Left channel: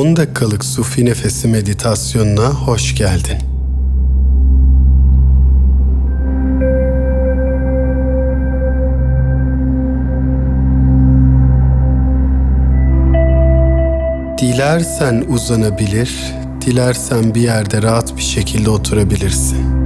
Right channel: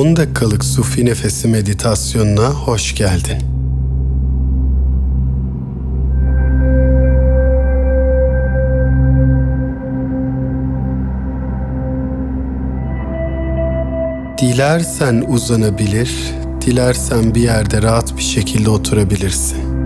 10 dakikalık sufi nefesi meditasyonuna hoş geldin. Dilersen uzanabilir, dilersen bir yerde rahat bir şekilde oturabilirsin.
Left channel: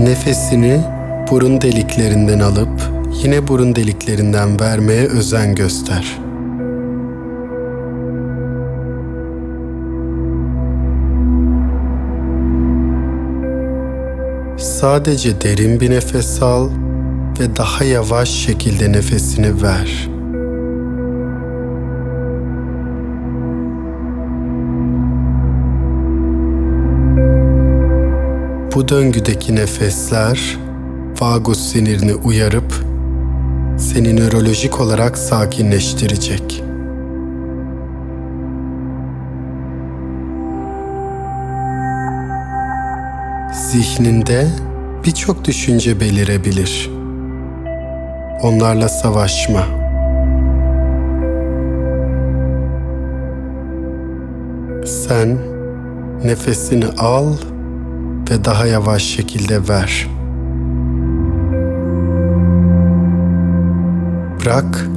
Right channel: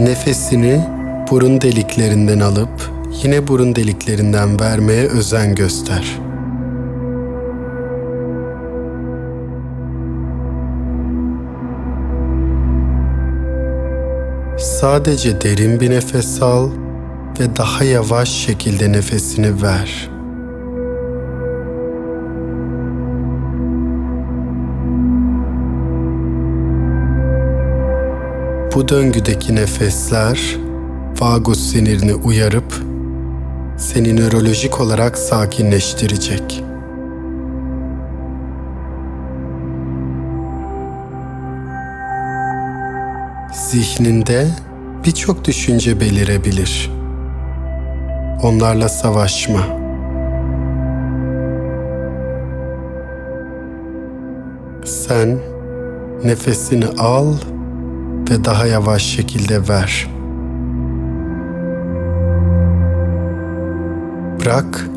Nefesini burun deliklerinden alıp yine burun deliklerinden vermeye özen göster. Sadece derin bir nefes al ve daha yavaş şekilde nefesini ver. Bu döngüdeki nefesler vagus sinirini uyarıp seni nörolojik olarak sakinleştirecek. Zihninde birçok düşünce belirebilir. Onlarla savaşma. Sen nefesini al ve daha yavaş şekilde ver. Bırak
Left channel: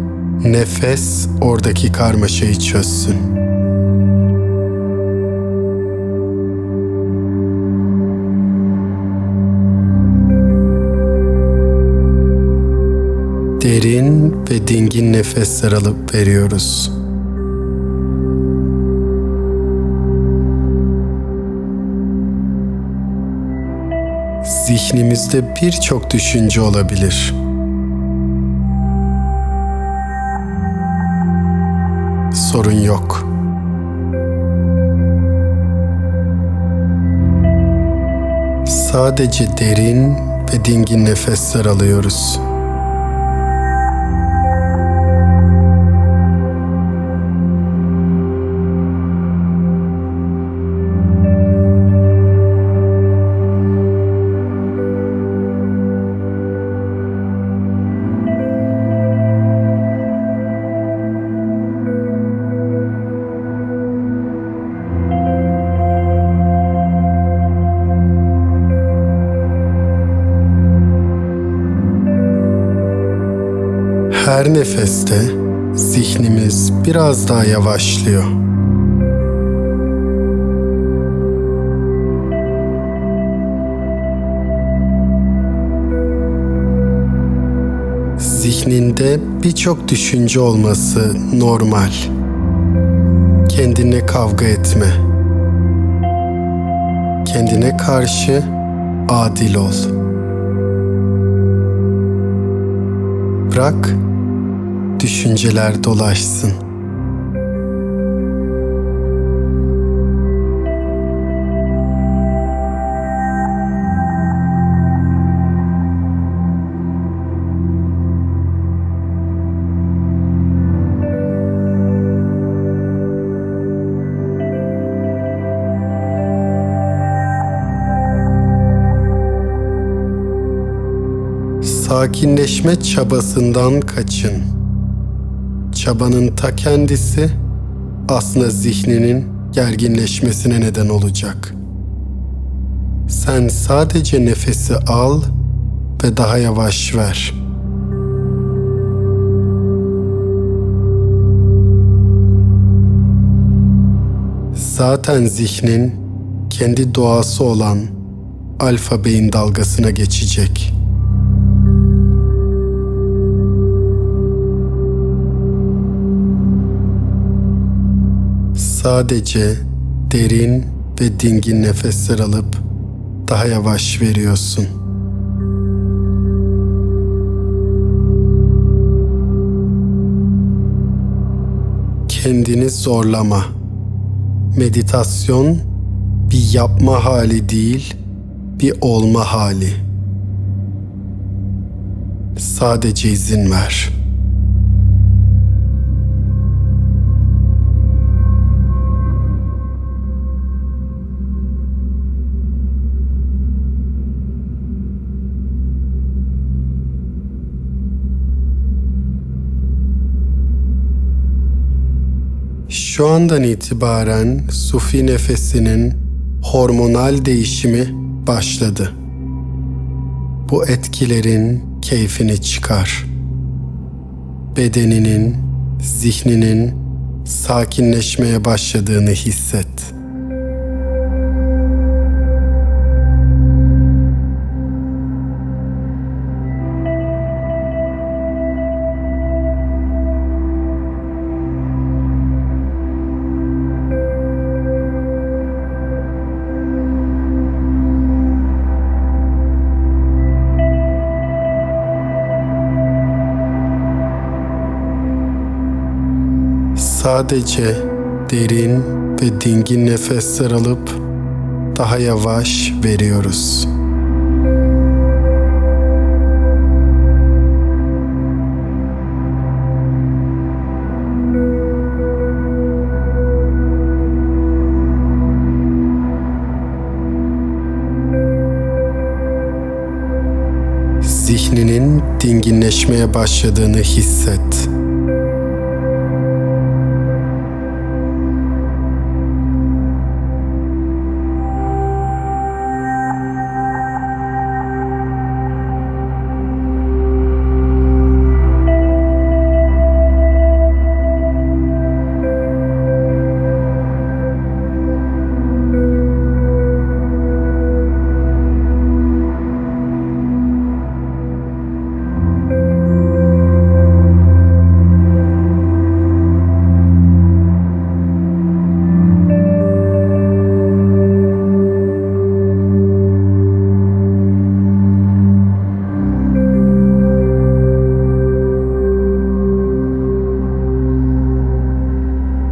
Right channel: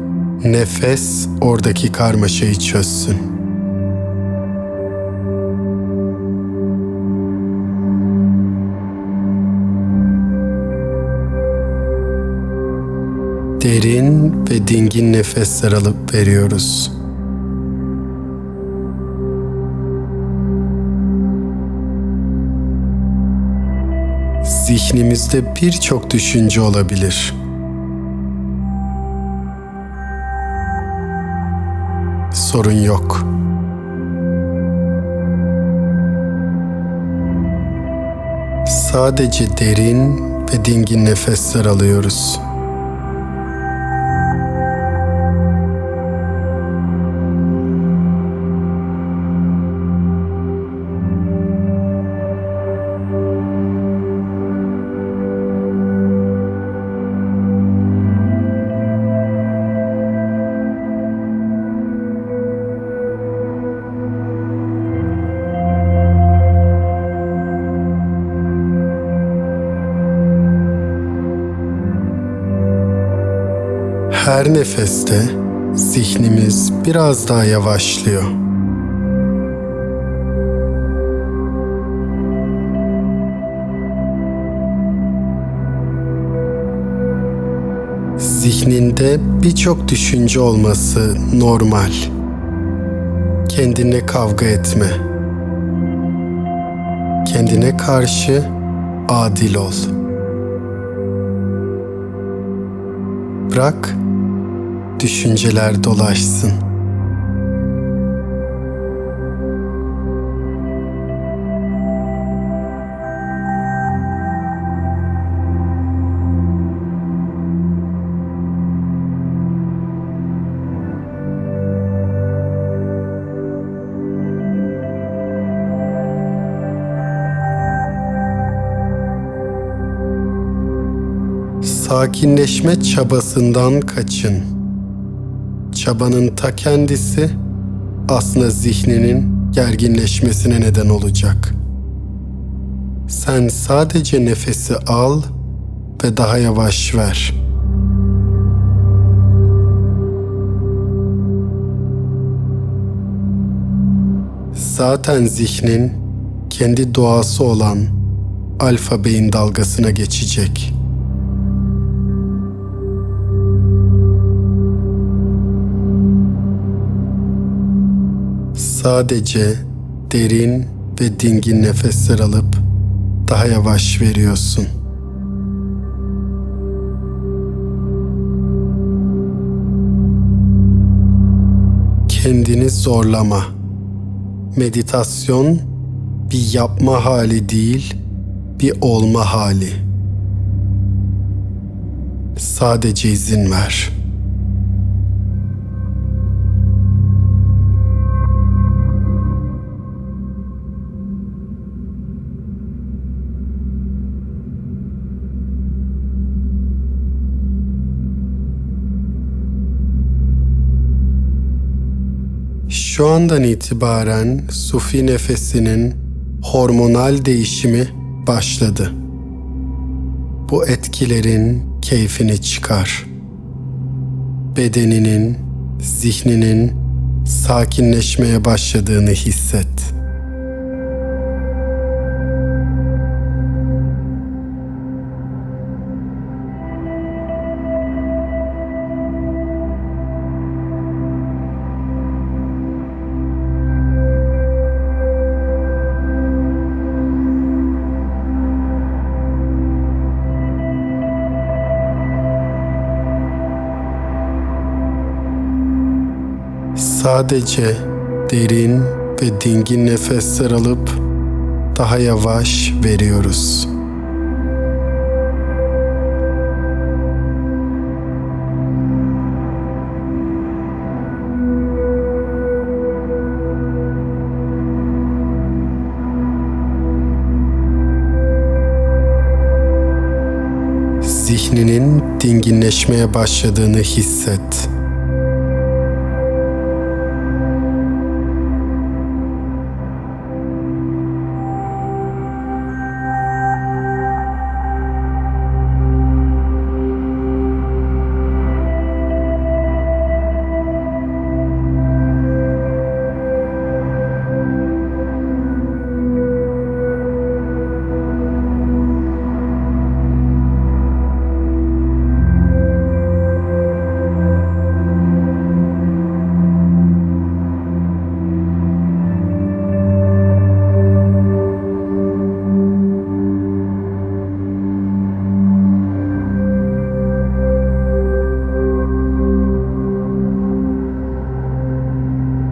nefes oradaki karmaşayı çözsün. Derin ve dingin nefesler alıp veriyoruz. Zihnimizde birçok düşünce olabilir. Sorun yok. Sadece derin ve dingin nefesler alıyoruz. Her nefeste zihnimiz biraz daha yavaşlıyor. Zihninde birçok düşünce olması normal. Kendine kavga etme. Kendine karşı adil ol. Bırak düşünceler dolaşsın. Sakinleşme çabasından kaçın. Çabanın ta kendisi aslında zihninin gerginleşmesine neden olacak. Sen sadece nefesi al ve daha yavaş ver. Zaten zihnin kendi doğası olan alfa beyin dalgasına geçecek.'' Sadece derin ve dingin nefesler alıp daha yavaş veriyorsun. Kendini zorlama. Meditasyon bir yapma hali değil, bir olma hali. Sadece izin ver.'' Şu andan itibaren sufi nefesinin hormonal değişimi başladı. Bu etkilerin keyfini çıkar. Bedeninin, zihninin sakinleşmeye başladığını hisset. Sadece derin ve dingin nefesler alıp daha yavaş veriyoruz. Zihninin dinginleşmeye başladığını hisset.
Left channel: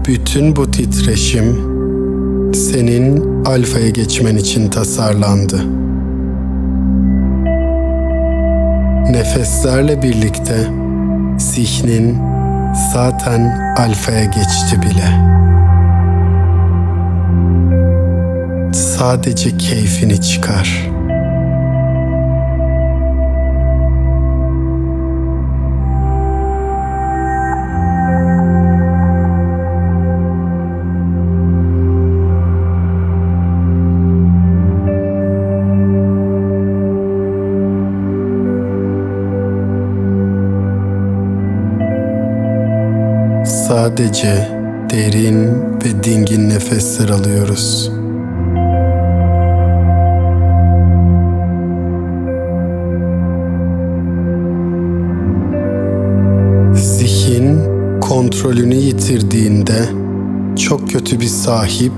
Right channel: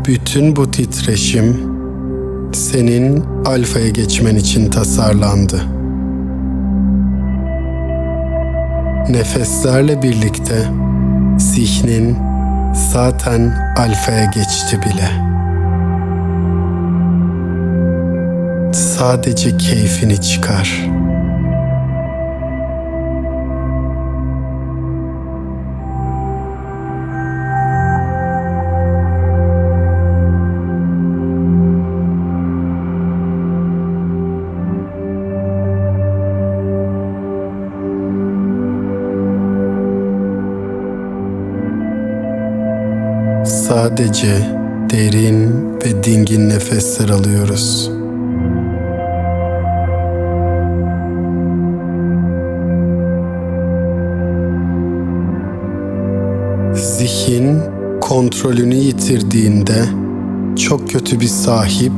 Bütün bu titreşim senin alfaya geçmen için tasarlandı. Nefeslerle birlikte zihnin zaten alfaya geçti bile. Sadece keyfini çıkar. Sadece derin ve dingin nefesler alıyoruz. Zihin kontrolünü yitirdiğinde çok kötü bir sahip,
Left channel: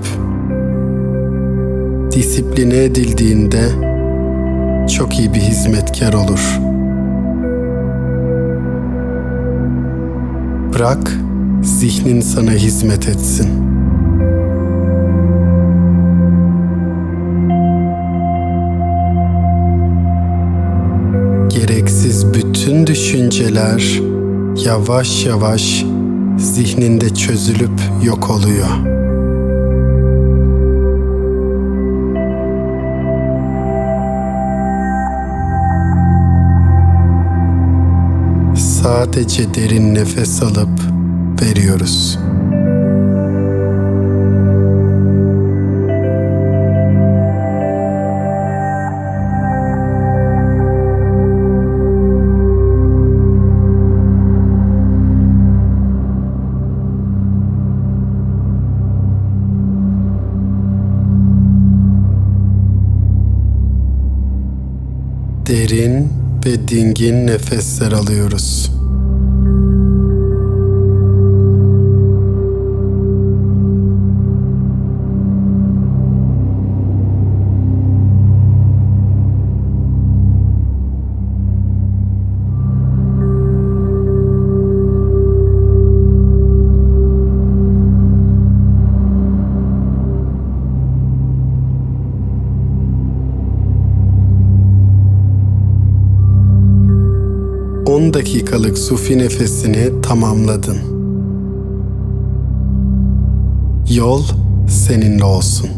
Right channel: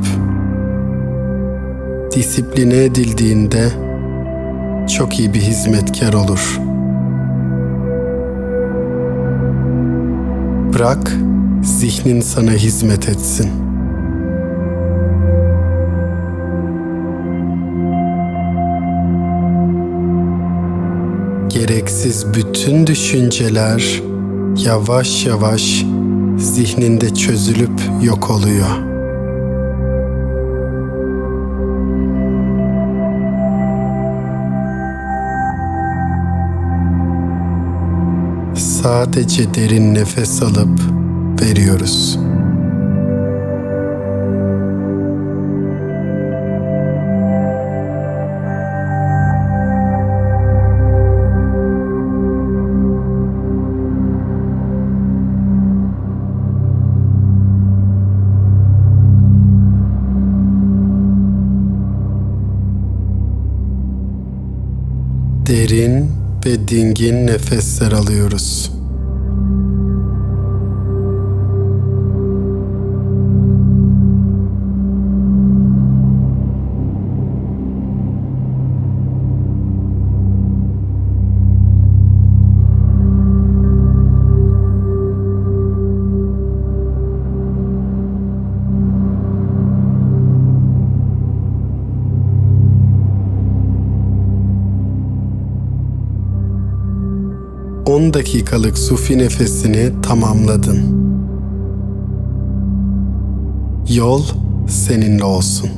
disipline edildiğinde çok iyi bir hizmetkar olur. Bırak zihnin sana hizmet etsin. Gereksiz bütün düşünceler yavaş yavaş zihninde çözülüp yok oluyor. Sadece derin nefes alıp veriyoruz. Derin ve dingin nefesler alıyoruz. On dakikalık sufi nefesini tamamladın. Yol seninle olsun.